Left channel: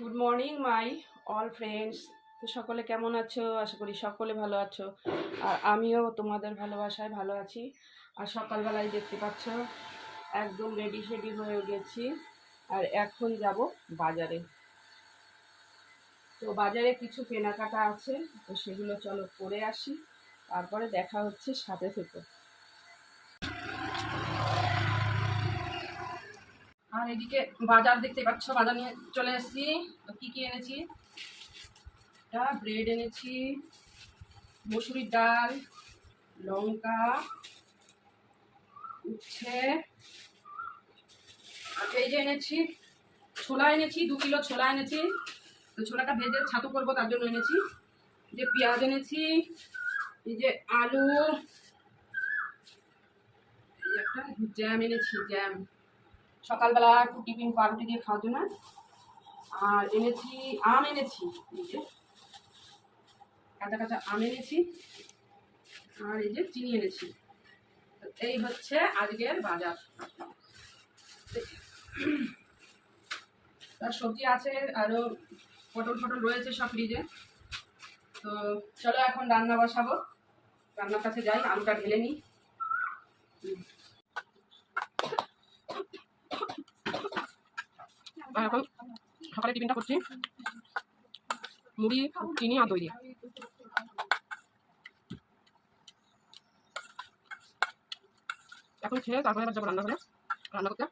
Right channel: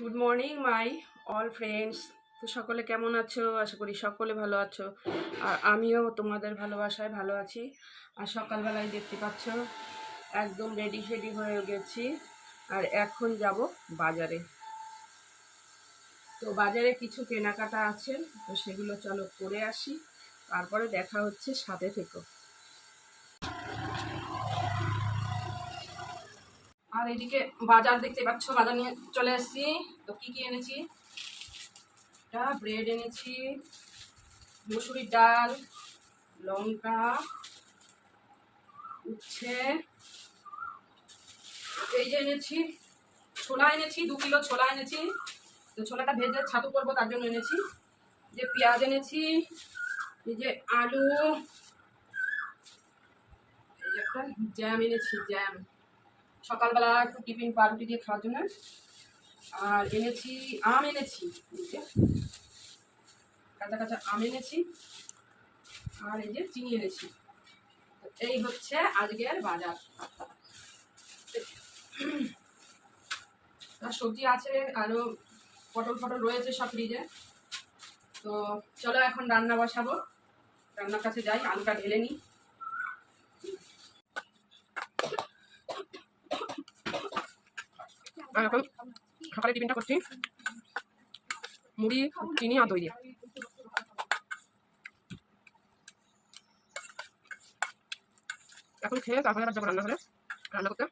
Good morning my all friends. তো সকলে কেমন আছো? আশা করি সকলে ভালো আছো। আর আমিও তোমাদের ভালোবাসায় ভালো আছি। আর সকালবেলায় দেখতে পাচ্ছ একদম রেডি শেডি হয়ে গেছি। আর এখন যাব বাজারে। তো বাজারে কিছু কেনাকাটা আছে, তো সেগুলো চলো করে আসি, তারপরে দেখা হচ্ছে, সাথে থেকো। আর এদিকে বাজার দেখতে পাচ্ছ, বাজার নিয়ে চলে এসেছি। তো কি কি এনেছি? ব্রেড এনেছি, মসুরির ডাল, লঙ্কা, উচ্ছে, এই যে এনেছি ছোলা এনেছি, 2 কিলো ছোলা এনেছি। তো ছোলাটা ভেজে ছাতু করবো, তার জন্য এনেছি। যে পেঁয়াজ এনেছি, এই যে আলু, এই যে একটা জ্যাম এনেছি, জ্যাম সকালবেলা একটু টিফিন পাউরুটি দিয়ে খাওয়ার জন্য। আর এনেছি আম এনেছি, এই যে কাঁচা কাঁচা আম এনেছি। আর এই যে চিনি এনেছি। তো এই হচ্ছে আজকের বাজার। আর সবজি আছে, আরো পটল ফটল রয়েছে সব ফ্রিজে। তো চলো এখন রান্না বসাবো, রান্নার কাছে যাই, আলুটা ঢেলে নিই। আর এখন সকালে টিফিনটা করছি মুড়ি, চিনি আর দই দিয়ে। এখন খেয়ে তারপরে আবার যাবো রান্নাঘরে রান্না করতে।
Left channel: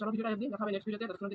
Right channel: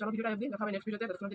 চলো ভিডিওটা অবধি দেখা হবে নেক্সট ভিডিওতে। ততক্ষণ